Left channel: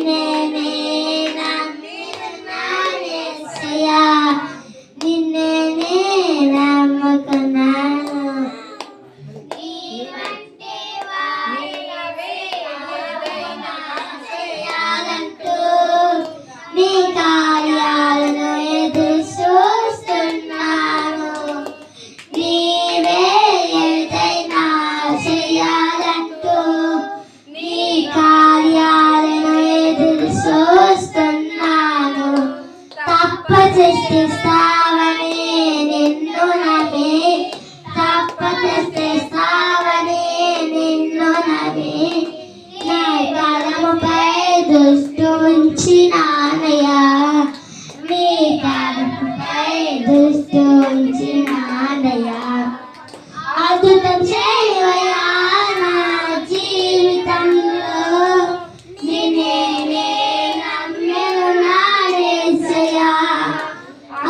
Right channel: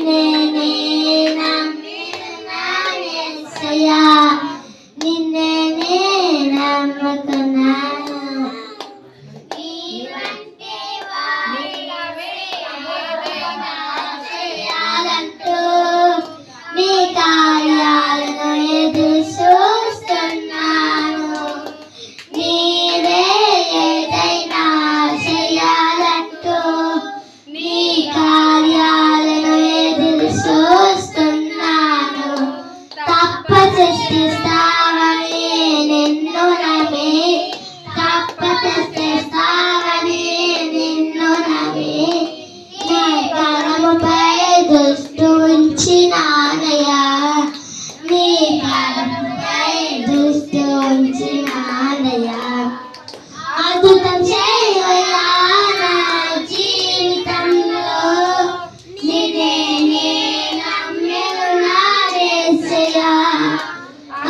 నిన్నే నే నమ్మినాను యేసయ్యా, నిన్నే నే నమ్ముకున్నాను. నీవంటే వాడివే ఏదైనా చేయాలంటూ నీ కార్యాలను ఎదురు చూస్తున్నాను. నీవే ఏదైనా చేయాలంటూ నీ కార్యాలను ఎదురు చూస్తున్నాను. తప్పచేస్తావని నిన్ను నమ్మి, తప్పచేస్తావని నిన్ను నమ్మి నీ కలముపై దృష్టి ఉంచినానయ్యా, నీ కలముపై దృష్టి ఉంచినానయ్యా. అద్భుతం చేయవయ్యా నా జీవితంలో, నిన్నే నే నమ్మినాను యేసయ్యా.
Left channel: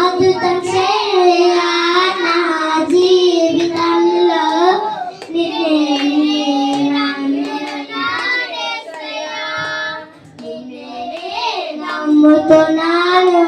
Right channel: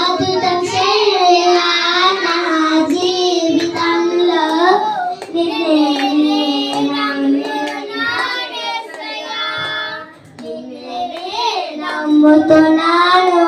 అద్భుతం చేయవయ్యా నా జీవితంలో, నిన్నే నే నమ్మినాను యేసయ్యా, నిన్నే నే నమ్ముతున్నాను.